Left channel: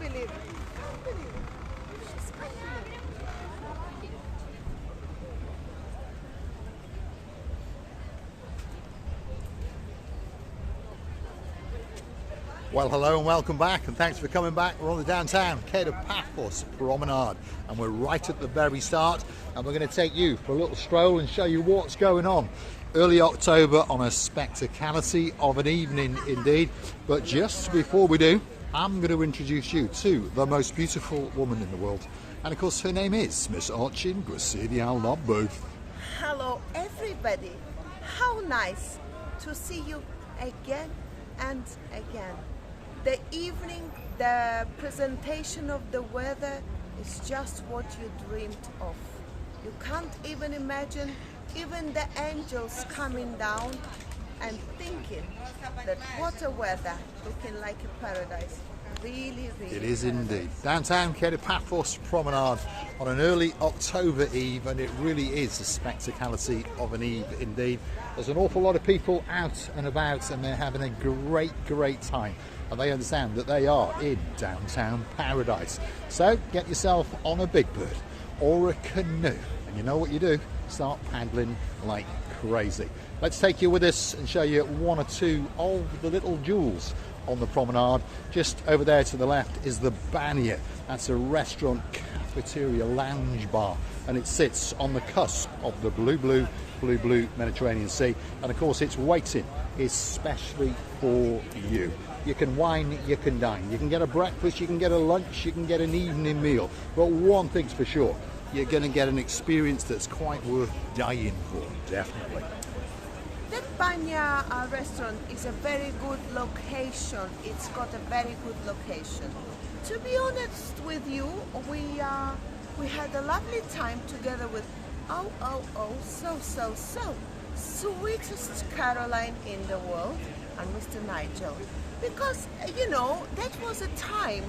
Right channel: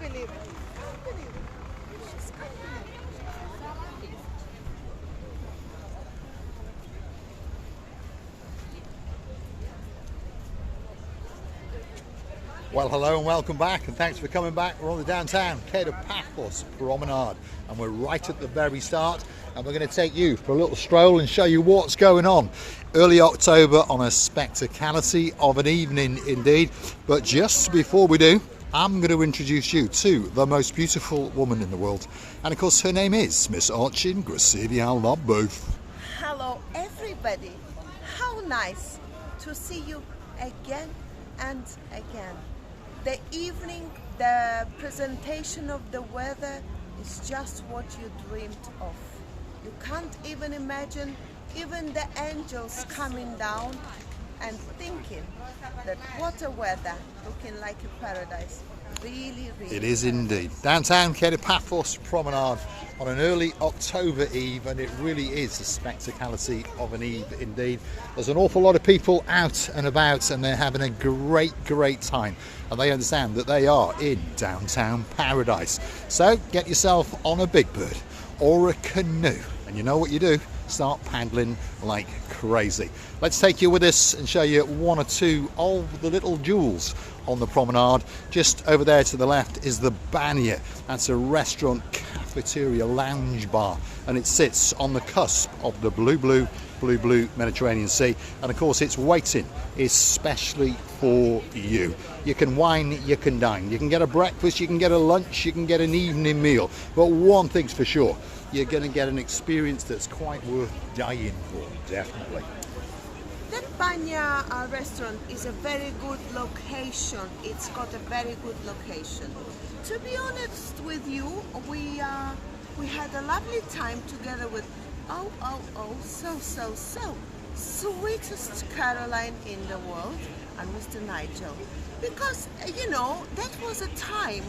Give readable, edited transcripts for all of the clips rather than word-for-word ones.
believe it. Can't believe it. Just can't believe it. Well, hello and welcome back, and thanks for coming back. We're on the downtown Paphos Promenade, and we're right at the very start, and we're going to take you for a little stroll and show you what's going on. Early October on a spectacality of an evening indeed, but just before we do, I'm going to introduce you to the most beautiful woman in the world, and of course her name is Miss Archin Gracilian-Lambert. Hello everybody. How nice to see you again and again. The evening, the presentation of the weather is just what you dreamed of. You can't even imagine even the angels coming down and thinking that what a weather, looking like a paradise. Really, really. It is paradise. indeed. Downtown Paphos Promenade on an early October eve, and it really is a spectacality of an eve indeed. There's an awful lot of people out and about, and they're having a great time, and they understand that they are in downtown paradise. So get yourself on a big bird or a canoe, and you know what you do, start paddling like crazy. Let's take you with us and show you one or two of the little jewels on the promenade. Just over there to the left is the Banya. That's a restaurant, cafeteria, lounge bar, and it sits on the cusp of the blue Mediterranean Sea, and of course it's waiting especially for you. You can wine, you can dine, you can get a breakfast, you can get a lunch, you can get an evening meal, but one thing's for sure, you're going to get an experience that's quite worth dying for, definitely. The Banya restaurant is a very good location. It's got a very good location. To be honest with you, we had a lovely time together with so sweetest Caroline in the world and Mr. Nigel. Because, you know, that was a time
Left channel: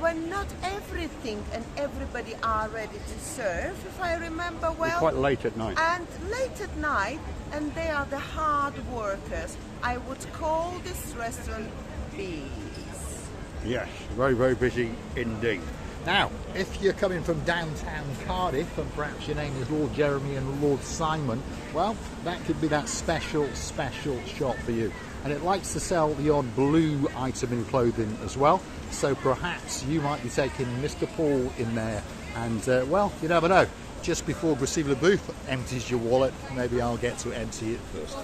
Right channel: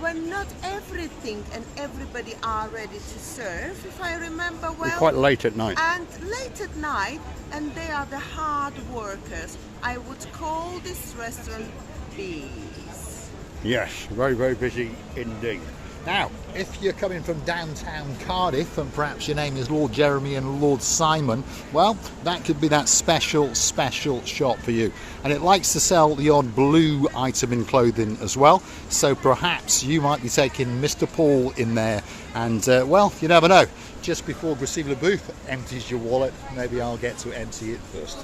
when not everything and everybody are ready to serve, if I remember well. Quite late at night. And late at night, and they are the hard workers. I would call this restaurant bees. Yes, very busy indeed. Now, if you're coming from downtown Cardiff and perhaps your name is Lord Jeremy and Lord Simon, well, that could be that special shop for you. And it likes to sell the odd blue item in clothing as well. So perhaps you might be taking Mr. Paul in there. And, well, you never know. Just before Gracilian-Lambert empties your wallet, maybe I'll get to empty it first.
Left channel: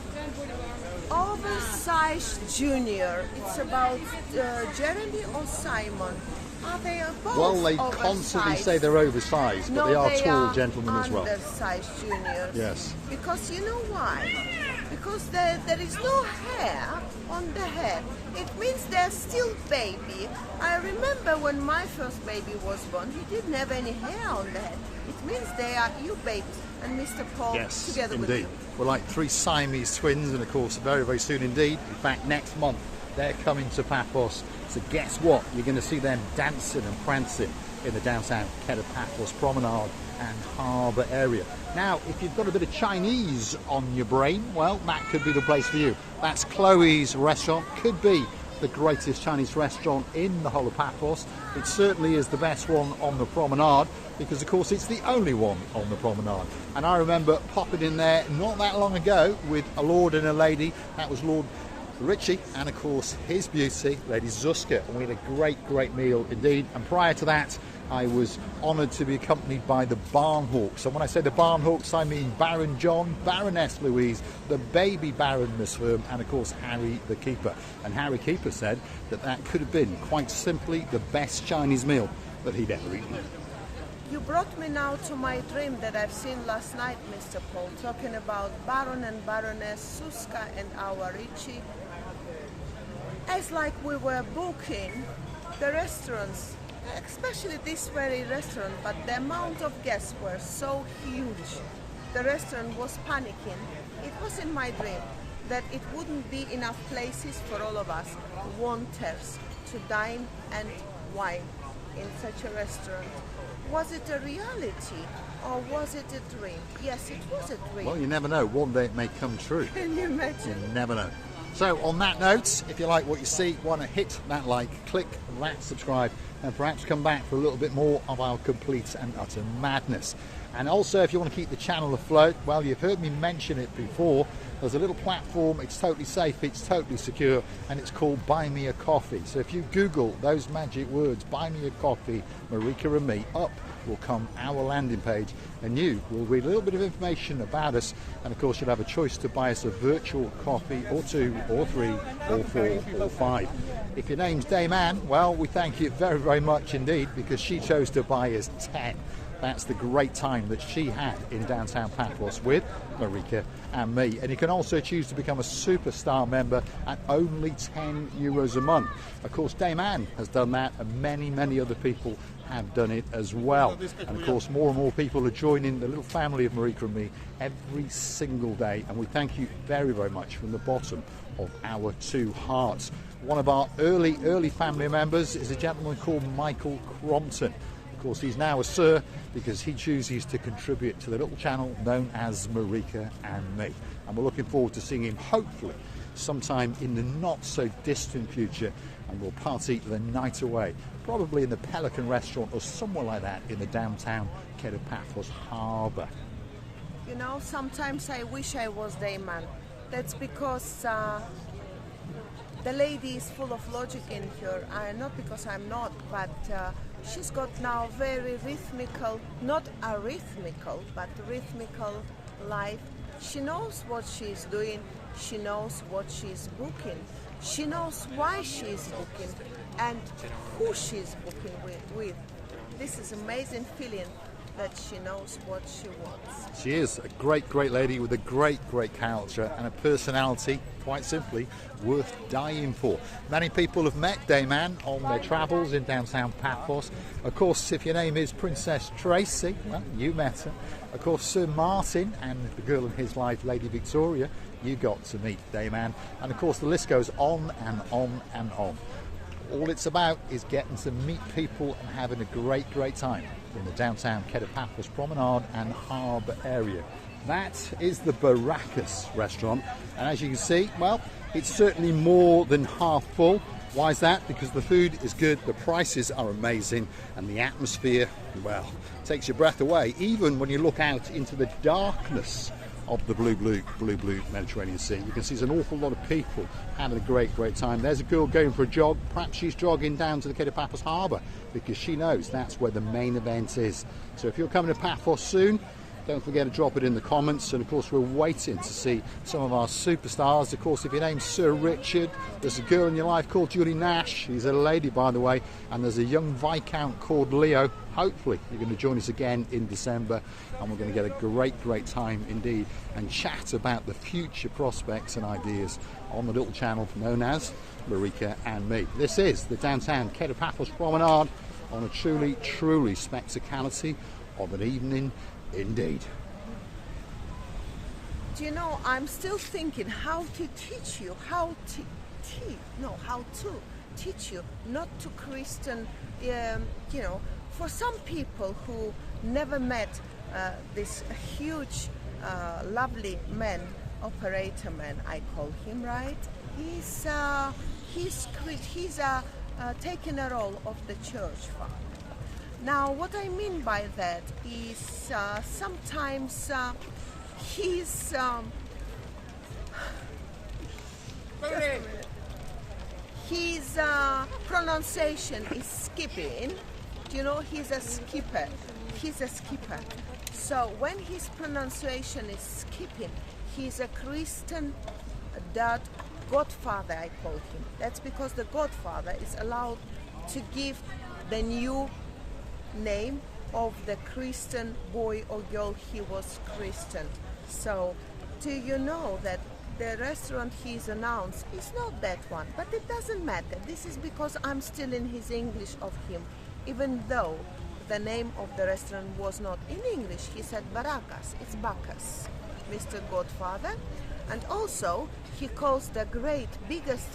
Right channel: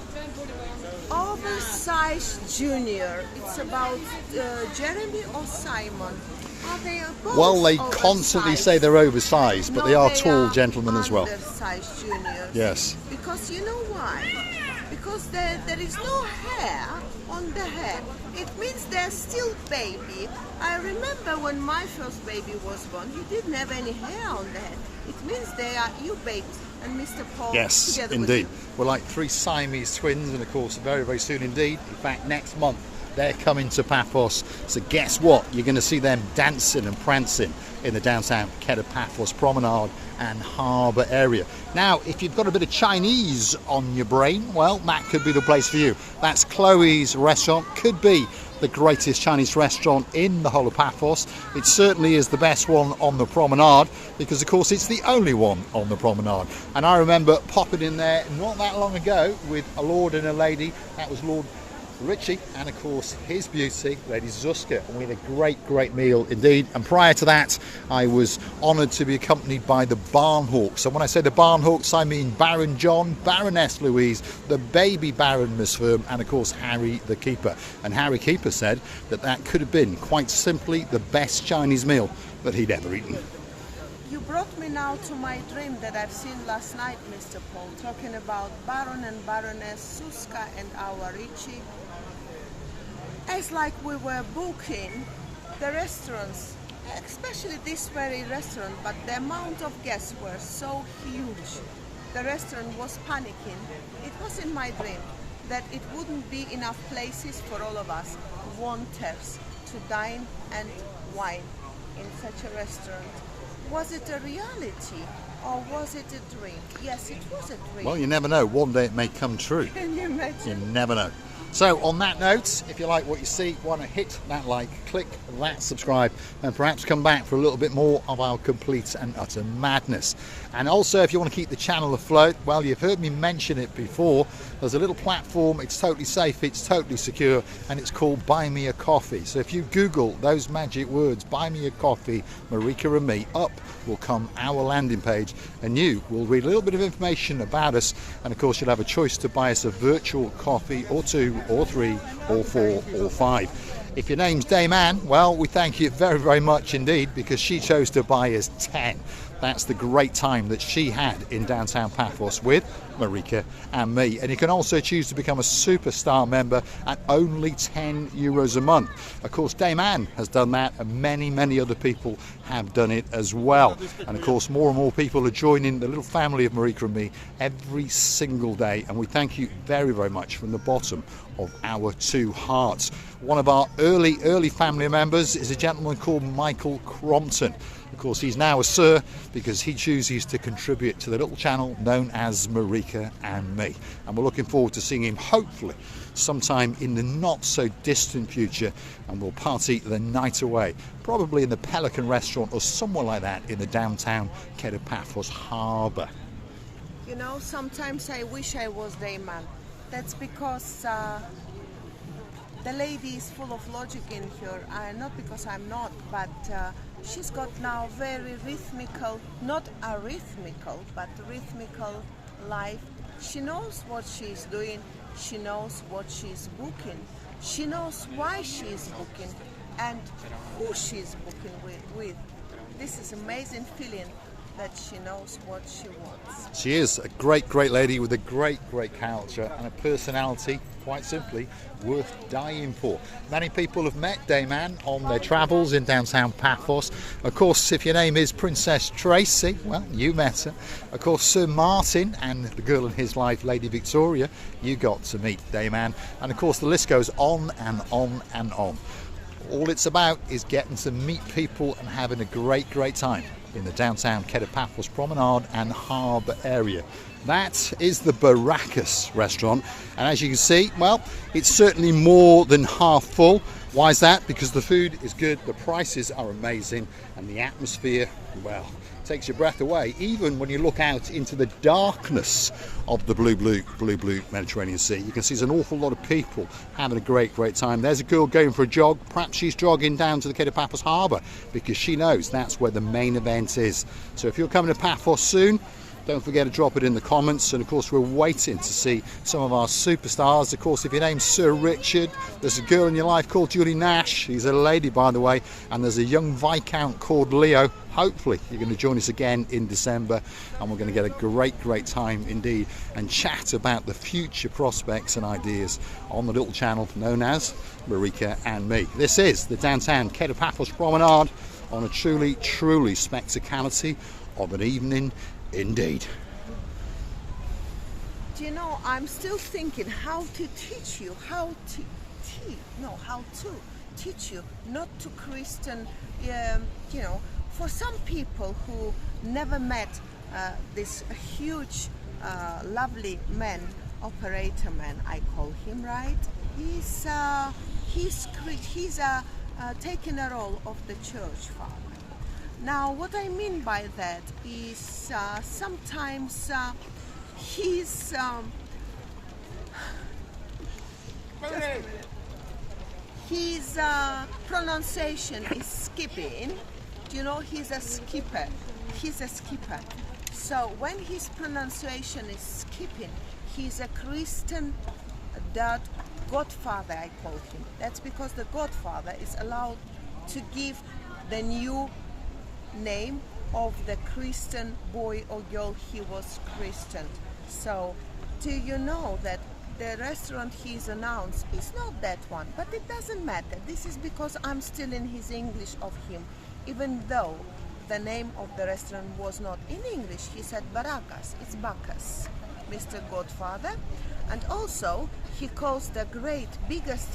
Oversized Junior. It's about Jeremy or Simon. Are they both Well, they oversized? Constantly say they're oversized, but No, they are tall gentlemen as well. Undersized juniors. Yes. Because you know why? Because there is no hair on the head. It means they're still baby. I remember when my first baby was born, he didn't have any hair on the head. It means they are you baby and Mr. Paul together with you. Yes, indeed. We're like three Siamese twins, and of course very soon indeed. In fact, next month they're coming to Paphos. So guess what? You're going to see them dancing and prancing in the downtown Paphos Promenade and Harbour area. Now, if you've got a bit of Chinese on your brain, well, that could be the place for you. That's Chloe's restaurant. Could be the greatest Chinese restaurant in the whole of Paphos. It certainly is the best one on the promenade because, of course, it's the only one on the promenade. And I remember popping in there not that long ago with a lord and a lady. That was Lord Richie and of course his beauty, Lady Zuska, and we had a great meal indeed. And prior to that, I was honoured to be accompanied by the Barnhawks. And when I say the Barnhawks, I mean Baron John, Baroness Louise, the baby Baron Miss Firm, and of course Harry the Keeper. And Harry Keeper said that that could have been quite simply the best Chinese meal that he'd ever eaten. You brought me now to my dream that I've seen last night, Mr. Paul, talking about Baron and Baroness Suska and our Richie. As like we were booking the restaurants, especially this very restaurant, but the amount of guests were so huge. The restaurant was panicking. It was in my dream that it wouldn't be enough places for all of us wanters to dine and wine in such a restaurant. Was it a reality or was it a dream? Yes, it was a dream. Well, you never know. One day it may come true. Can you imagine? You never know. So on that note, if you like what you see, want to hit that like, click that subscribe, and perhaps come back for a little bit more of our complete and utter madness. And also, if you want to keep the channel afloat, well, you've heard me mention it before, there's a little platform, it's totally safe, it's totally secure, and it's called Buy Me a Coffee. So if you Google those magic words, Buy Me a Coffee, Marika and me, up will come our landing page, and you will read a little bit of information about us, and of course you'll have a choice to buy us a virtual coffee, or 2, or 3, or 4, or 5. If your name's Dame Anne, well, we thank you very, very much indeed, because she chose to buy us 10. That's the great time that she had in downtown Paphos with Marika and me. And you can also choose to become a superstar member at only €10 a month. Of course, Dame Anne has done that, and many, many other people have done it as well. And of course, more and more people are joining the little family of Marika and me every single day. And we thank you very, very much from the bottom of our 2 hearts. One of our early family members is a gentleman called Michael Crompton. Of course, he's now a sir because he chooses to contribute to the little channel known as Marika and Me. And we're looking forward to seeing him hopefully sometime in the not so distant future, and we'll party the night away, probably in the Pelican restaurant or somewhere like that in the downtown Paphos Harbour. You know, sometimes I wish I was Dame Anne. That's because the lady is full of logic in her, not because I'm not, but she's got now very rhythmical, not arithmical, but rhythmical life. She knows what she's doing, she knows what she's booking, she knows why she's booking, and who she's booking with. This is amazing feeling that she knows what she wants. She is a great lady with a great character and a personality, quite simply, worth dying for. Many people have met Dame Anne on their travels in downtown Paphos. Of course, if your name is Princess Tracy, well, you met her. Of course, Sir Martin and the girl in his life, Lady Victoria, you got to meet Dame Anne. And of course, the list goes on and on and on. All it's about is getting to meet people and having a great time in the downtown Paphos Promenade and Harbour area. That is the Barakas restaurant, and as you can see, well, it's certainly more than half full. Why is that? Because the food is good, the prices are amazing, and the atmosphere, well, takes your breath away, even when you look out into the darkness of the blue Mediterranean Sea. You can see there's an awful lot of people having a great time. There's a girl going for a jog. Perhaps she's jogging down to the Paphos Harbour because she knows that's where the main event is. So if you're coming to Paphos soon, don't forget to drop it in the comments. And of course, we're waiting to see some of our superstars. Of course, if your name's Sir Richard, there's a girl in your life called Julie Nash. She's a lady, by the way. And there's a young Viscount called Leo. Hopefully, you're going to join us again in December. And we're going to get a great time indeed. And chat about the future prospects and ideas on the little channel known as Marika and Me. This is the downtown Paphos Promenade on a truly spectacality of an evening. Indeed. Do you know, I'm still thinking how to teach you, how to teach you not to Christian, you know, for some people who never met this huge, lovely man, operator man, I call him, right? He's taking a role of the church father. Now, what I mean by that is sometimes his pronunciation is skipping. You know, he's a skipper. So when his pronunciation is skipping, he's a Christian godfather, I call him. That's because the godfather is allowed to give the new name of the Christian boy or girl he was Christian. So do you know that the restaurant he's announced is not that one, but it doesn't matter. This is because I'm still in his English of him, even though the name of the restaurant was not in English. He said Barakas, it's Bacchus, Mr. Godfather. And also he calls the biggest,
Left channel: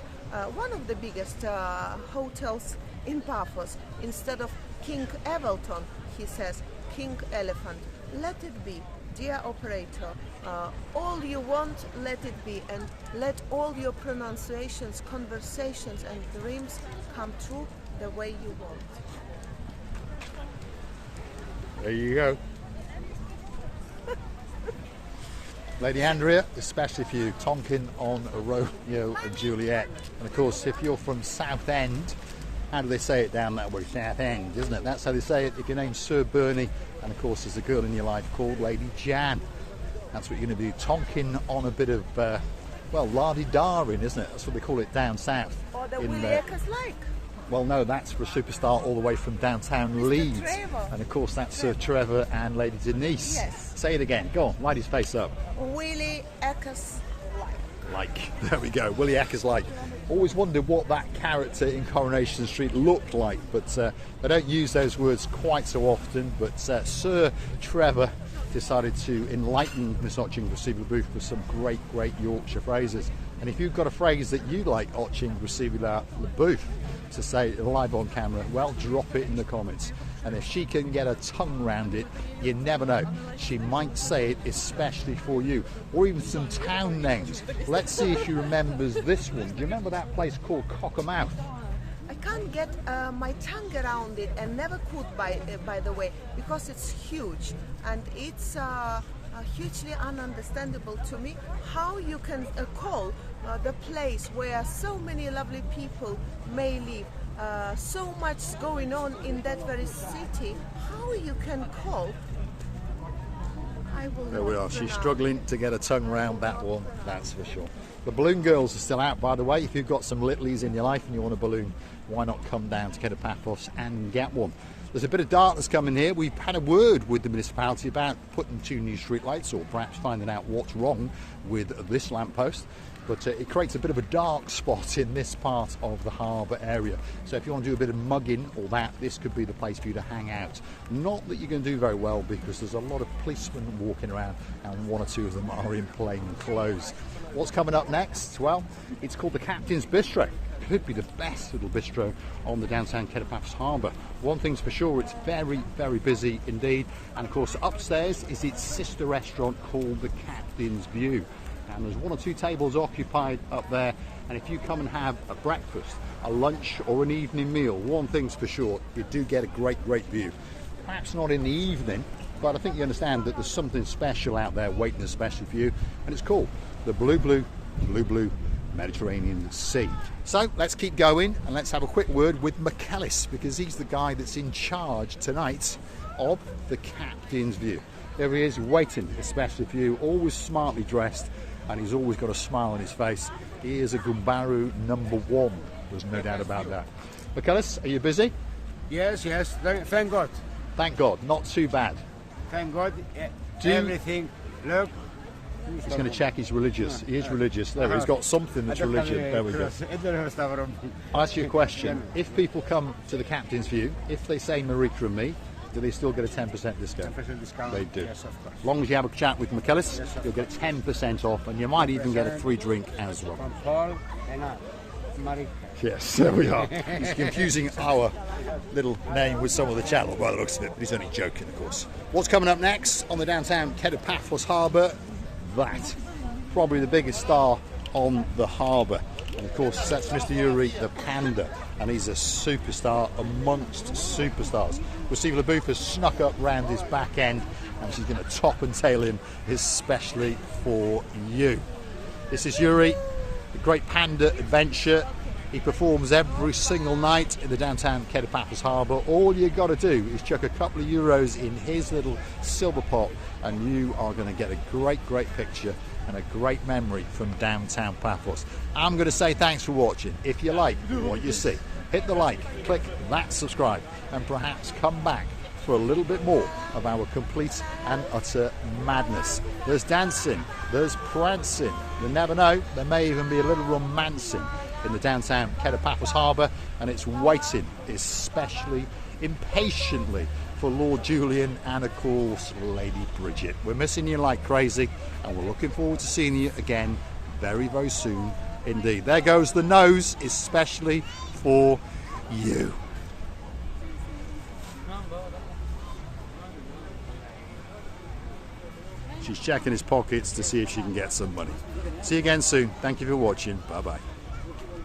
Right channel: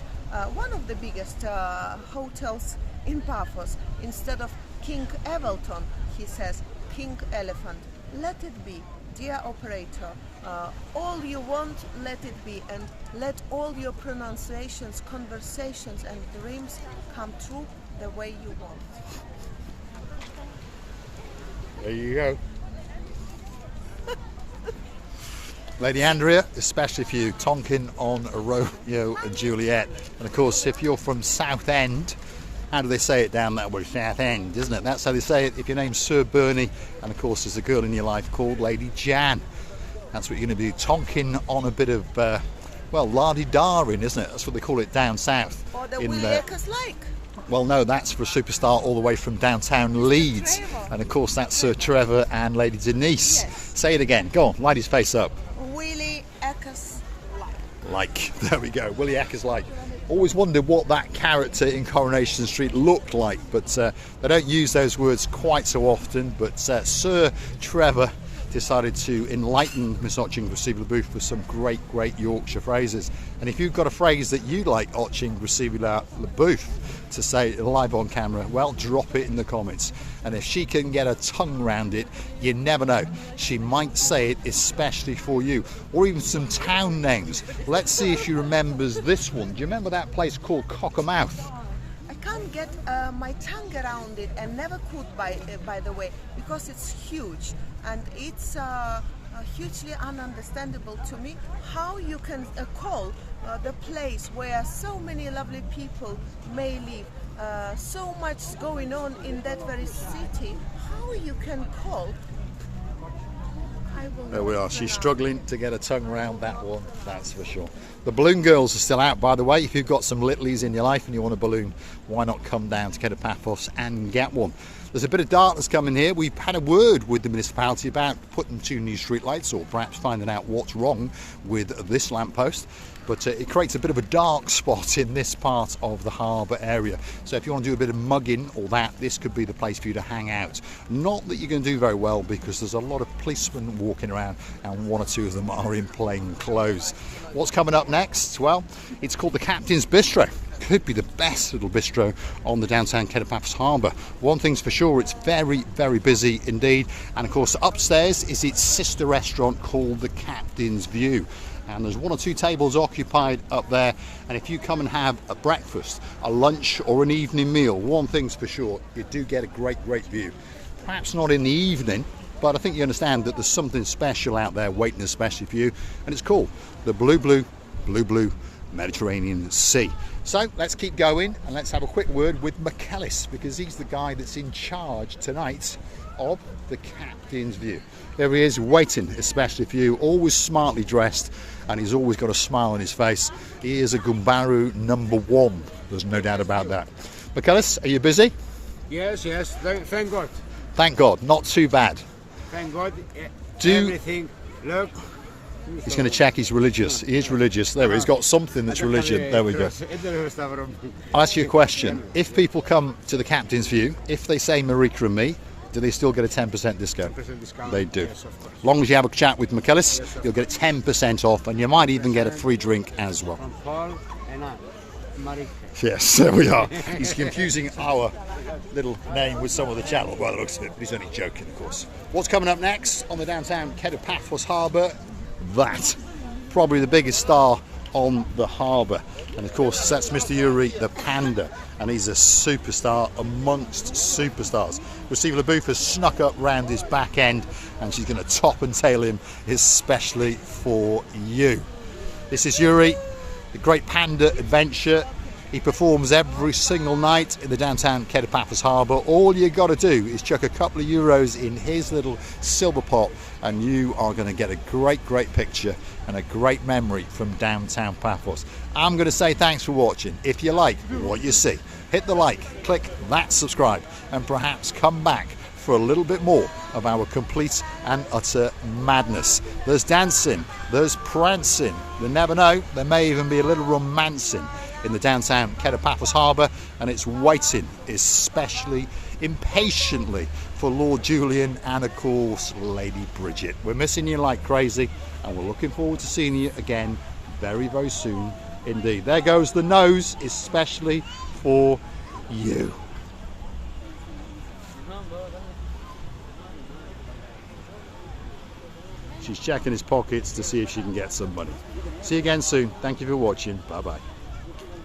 one of the biggest hotels in Paphos, instead of King Evelton, he says King Elephant. Let it be, dear operator, All you want, let it be, and let all your pronunciations, conversations and dreams come true the way you want. There you go. Lady Andrea, especially for you, Tonkin on a Romeo and Juliet. And of course, if you're from Southend, how do they say it down that way? Southend, isn't it? That's how they say it if your name's Sir Bernie, and of course there's a girl in your life called Lady Jan. That's what you're going to be Tonkin on a bit of, well, lardy-daring, isn't it? That's what they call it down south. Or the Willie Eckers Lake. Well, no, that's for a superstar all the way from downtown Leeds. Trevor. And of course that's Sir Trevor and Lady Denise. Yes. Say it again. Go on, light his face up. Willie Eckers Lake. Like, there we go, Willie Eckers like. Always wondered what that character in Coronation Street looked like, but they don't use those words quite so often. But Sir Trevor decided to enlighten Miss Otching Receivable Booth with some great Yorkshire phrases. And if you've got a phrase that you like Otching Receivable Booth to say live on camera, well, drop it in the comments. And if she can get her tongue round it, you never know, she might say it especially for you. Or even some town names. Let's see if she remembers this one. Do you remember that place called Cockermouth? I can't get my tongue around it, and never could, by the way, because it's huge, and it's hugely ununderstandable to me how you can call the place where so many lovely people may live, so much going on in that very city, how you can call. There we are. She's struggling to get her tongue around that one, that's for sure. The balloon girls are still out, by the way. If you've got some littlies in your life and you want a balloon, why not come down to Paphos and get one? There's a bit of darkness coming here. We've had a word with the municipality about putting 2 new streetlights, or perhaps finding out what's wrong with this lamppost. But it creates a bit of a dark spot in this part of the harbour area. So if you want to do a bit of mugging or that, this could be the place for you to hang out. Not that you're going to do very well, because there's a lot of policemen walking around and 1 or 2 of them are in plain clothes. What's coming up next? Well, it's called the Captain's Bistro. Could be the best little bistro on the downtown Paphos Harbour. One thing's for sure, it's very busy indeed. And of course upstairs is its sister restaurant called the Captain's View. And there's 1 or 2 tables occupied up there, and if you come and have a breakfast, a lunch or an evening meal, one thing's for sure, you do get a great view. Perhaps not in the evening, but I think you understand that there's something special out there waiting especially for you, and it's called the blue Mediterranean Sea. So let's keep going and let's have a quick word with McAllis, because he's the guy that's in charge tonight of the Captain's View. There he is, waiting especially for you, always smartly dressed, and he's always got a smile on his face. He is a Gumbaru #1, there's no doubt about that. McAllis, are you busy? Yes, thank God. Thank God, not too bad. Thank God, everything, look. He's going to check he's religious. He is religious. There, he's got something that's religion. There we go. I'll ask you a question. If people come to the Captain's View, if they say Marika and me, do they still get a 10% discount? 10% discount. They do. Yes, of course. As long as you have a chat with McAllis, Yes, you'll get 10% off, and you might even get a free drink as well. From Paul and I, Marika. Yes, there we are. He's confusing our little name with some of the channel by the looks of it, but he's only joking, of course. What's coming up next on the downtown Paphos Harbour? That. Probably the biggest star on the harbour. And of course, that's Mr. Yuri the Panda, and he's a superstar amongst superstars. Receivable Booth has snuck up round his back end, and she's going to top and tail him especially for you. This is Yuri, the Great Panda Adventure. He performs every single night in the downtown Paphos Harbour. All you got to do is chuck a couple of euros in his little silver pot, and you are going to get a great picture and a great memory from downtown Paphos. I'm going to say thanks for watching. If you like what you see, hit the like, click that subscribe, and perhaps come back for a little bit more of our complete and utter madness. There's dancing, there's prancing, you never know, there may even be a little romancing in the downtown Paphos Harbour, and it's waiting especially impatiently for Lord Julian and of course Lady Bridget. We're missing you like crazy, and we're looking forward to seeing you again very soon indeed. There goes the nose, especially for you. She's checking his pockets to see if she can get some money. See you again soon. Thank you for watching. Bye bye.